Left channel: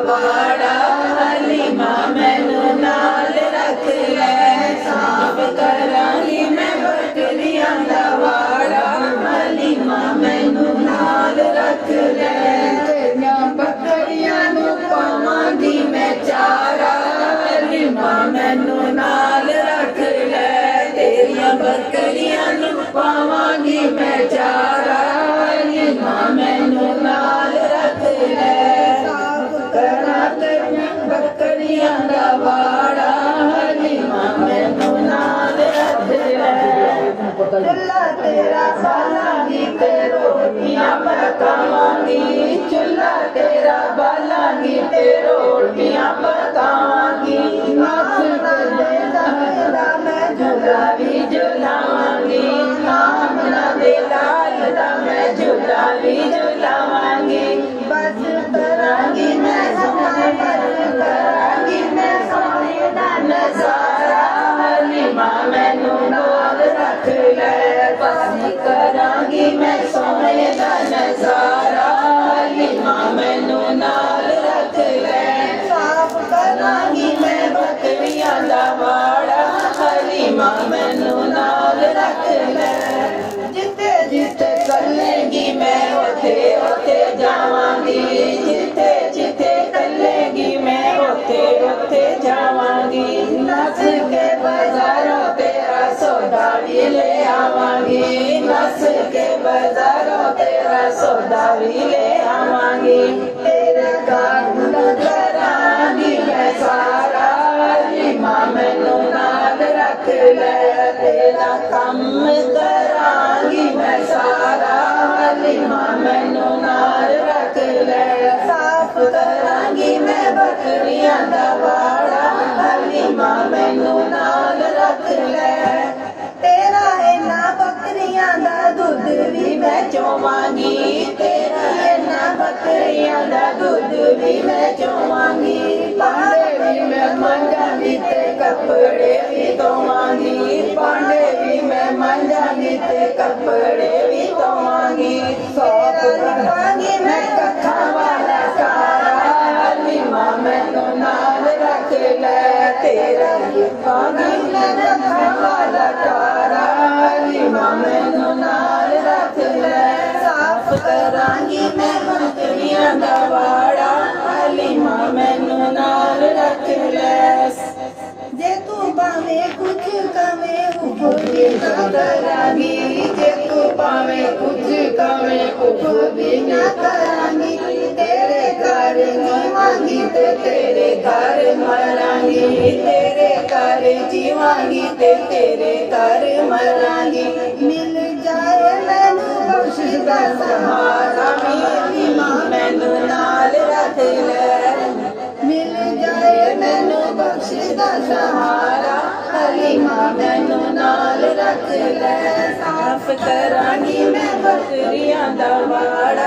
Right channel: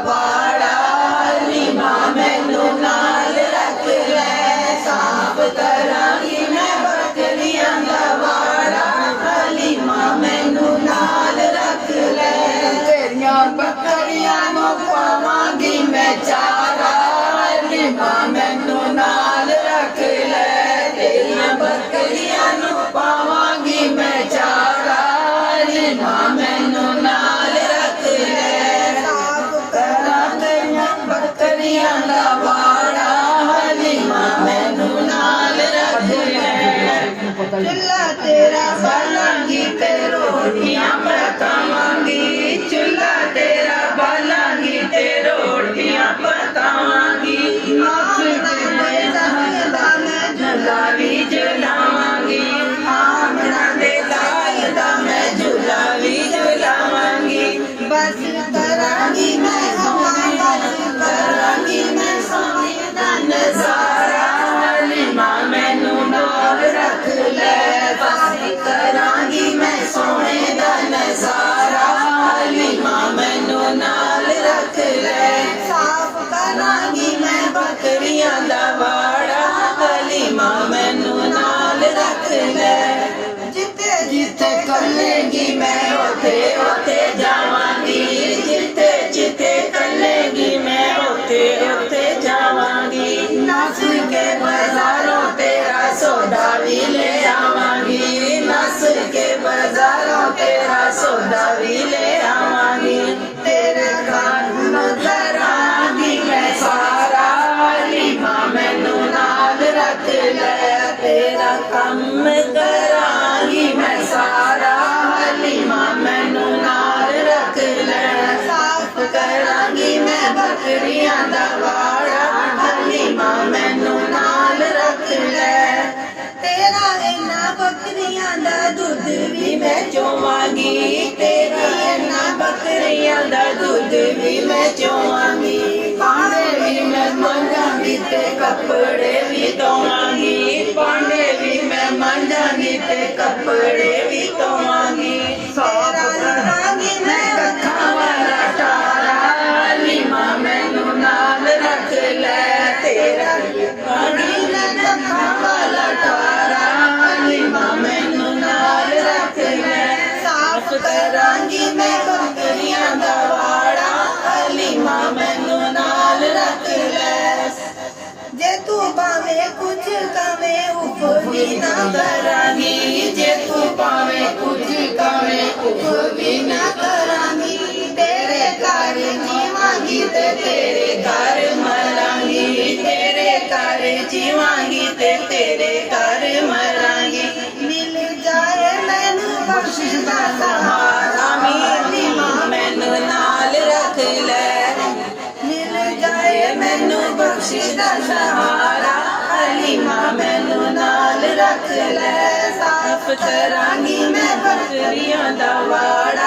ਵਾੜਾ ਹਲੀਮਾ ਮੈਨੂੰ ਨਾਲ ਰੱਖ ਲੈ ਸਾਫ ਕਰਾਂਗੀ ਮੈਂ ਬੱਕਰੀਆਂ ਦਾ ਵਾੜਾ ਹਲੀਮਾ ਮੈਨੂੰ ਨਾਲ ਰੱਖ ਲੈ ਤੇਰੀਆਂ ਬੱਕਰੀਆਂ ਨੂੰ ਪਾਵਾਂਗੀ ਮੈਂ ਚਾਰਾ ਹਲੀਮਾ ਮੈਨੂੰ ਨਾਲ ਰੱਖ ਲੈ ਤੇਰੀਆਂ ਬੱਕਰੀਆਂ ਨੂੰ ਪਾਵਾਂਗੀ ਮੈਂ ਚਾਰਾ ਹਲੀਮਾ ਮੈਨੂੰ ਨਾਲ ਰੱਖ ਲੈ ਸਾਫ ਕਰਾਂਗੀ ਬੱਕਰੀਆਂ ਦਾ ਵਾੜਾ ਹਲੀਮਾ ਮੈਨੂੰ ਨਾਲ ਰੱਖ ਲੈ ਚੁੱਲ੍ਹਾ ਤੇਰਾ ਬਾਲਾਂਗੀ ਤੇ ਰੋਟੀਆਂ ਪਕਾਵਾਂਗੀ ਚੁੱਲ੍ਹਾ ਤੇਰਾ ਬਾਲਾਂਗੀ ਤੇ ਰੋਟੀਆਂ ਪਕਾਵਾਂਗੀ ਮੈਂ ਝੂਲਾ ਵੀ ਝੁਲਾਵਾਂਗੀ ਮਾਮਣਾ ਦੇ ਲਾਲ ਦਾ ਮੈਂ ਝੂਲਾ ਵੀ ਝੁਲਾਵਾਂਗੀ ਬਸ ਕਰਾਂਗੀ ਮੈਂ ਕਰਾਂਗੀ ਮੈਂ ਸੋਹਣੇ ਦਾ ਨਜ਼ਾਰਾ ਹਲੀਮਾ ਮੈਨੂੰ ਨਾਲ ਰੱਖ ਲੈ ਬਸ ਕਰਾਂਗੀ ਮੈਂ ਸੋਹਣੇ ਦਾ ਨਜ਼ਾਰਾ ਹਲੀਮਾ ਮੈਨੂੰ ਨਾਲ ਰੱਖ ਲੈ ਸਾਫ ਕਰਾਂਗੀ ਮੈਂ ਬੱਕਰੀਆਂ ਦਾ ਵਾੜਾ ਹਲੀਮਾ ਮੈਨੂੰ ਨਾਲ ਰੱਖ ਲੈ ਜਿੱਥੇ ਜਿੱਥੇ ਚੱਲੇਗੀ ਮੈਂ ਉੱਥੇ ਉੱਥੇ ਜਾਵਾਂਗੀ ਜਿੱਥੇ ਜਿੱਥੇ ਚੱਲੇਗੀ ਮੈਂ ਉੱਥੇ ਉੱਥੇ ਜਾਵਾਂਗੀ ਨੱਸ ਕੇ ਬਾਜ਼ਾਰੋਂ ਤੇਰਾ ਸੌਦਾ ਵੀ ਲੈ ਆਵਾਂਗੀ ਨੱਸ ਕੇ ਬਾਜ਼ਾਰੋਂ ਤੇਰਾ ਸੌਦਾ ਵੀ ਲੈ ਆਵਾਂਗੀ ਤੇਰੇ ਕੰਮ ਕਰਾਂਗੀ ਮੈਂ ਸਾਰਾ ਹਲੀਮਾ ਮੈਨੂੰ ਨਾਲ ਰੱਖ ਲੈ ਤੇਰਾ ਕੰਮ ਕਰਾਂਗੀ ਮੈਂ ਸਾਰਾ ਹਲੀਮਾ ਮੈਨੂੰ ਨਾਲ ਰੱਖ ਲੈ ਸਾਫ ਕਰਾਂਗੀ ਮੈਂ ਬੱਕਰੀਆਂ ਦਾ ਵਾੜਾ ਹਲੀਮਾ ਮੈਨੂੰ ਨਾਲ ਰੱਖ ਲੈ ਤੇਰਾ ਇਹਨਾਂ ਬੱਕਰੀਆਂ ਦਾ ਦੁੱਧ ਵੀ ਮੈਂ ਚੋਵਾਂਗੀ ਤੇਰਾ ਇਹਨਾਂ ਬੱਕਰੀਆਂ ਦਾ ਦੁੱਧ ਵੀ ਮੈਂ ਚੋਵਾਂਗੀ ਭਾਂਡੇ ਵੀ ਮੈਂ ਮਾਂਜਾਂਗੀ ਤੇ ਕੱਪੜੇ ਵੀ ਧੋਵਾਂਗੀ ਭਾਂਡੇ ਵੀ ਮੈਂ ਮਾਂਜਾਂਗੀ ਤੇ ਕੱਪੜੇ ਵੀ ਧੋਵਾਂਗੀ ਸਾਫ ਕਰਾਂਗੀ ਮੈਂ ਕੱਖਾਂ ਵਾਲਾ ਟਾਰਾ ਹਲੀਮਾ ਮੈਨੂੰ ਨਾਲ ਰੱਖ ਲੈ ਤੇਰਾ ਪਾਣੀ ਕੱਖਾਂ ਵਾਲਾ ਟਾਰਾ ਹਲੀਮਾ ਮੈਨੂੰ ਨਾਲ ਰੱਖ ਲੈ ਸਾਫ ਕਰਾਂਗੀ ਮੈਂ ਬੱਕਰੀਆਂ ਦਾ ਵਾੜਾ ਹਲੀਮਾ ਮੈਨੂੰ ਨਾਲ ਰੱਖ ਲੈ ਜੇ ਤੂੰ ਭਾਵੇਂ ਕੁਝ ਕਵੇਂ ਉੱਪਰ ਵੀ ਨਾ ਕਰਾਂਗੀ ਜੇ ਤੂੰ ਭਾਵੇਂ ਕੁਝ ਕਵੇਂ ਉੱਪਰ ਵੀ ਨਾ ਕਰਾਂਗੀ ਤੇਰੇ ਘਰ ਜੀਵਾਂਗੀ ਤੇ ਤੇਰੇ ਘਰ ਮਰਾਂਗੀ ਤੇਰੇ ਘਰ ਜੀਵਾਂਗੀ ਤੇ ਤੇਰੇ ਘਰ ਮਰਾਂਗੀ ਮਿਲ ਜਾਏ ਮੈਨੂੰ ਬਖਸ਼ਿਸ਼ ਦਾ ਸਹਾਰਾ ਹਲੀਮਾ ਮੈਨੂੰ ਨਾਲ ਰੱਖ ਲੈ ਮਿਲ ਜਾਏ ਮੈਨੂੰ ਬਖਸ਼ਿਸ਼ ਦਾ ਸਹਾਰਾ ਹਲੀਮਾ ਮੈਨੂੰ ਨਾਲ ਰੱਖ ਲੈ ਸਾਫ ਕਰਾਂਗੀ ਮੈਂ ਬੱਕਰੀਆਂ ਦਾ ਵਾੜਾ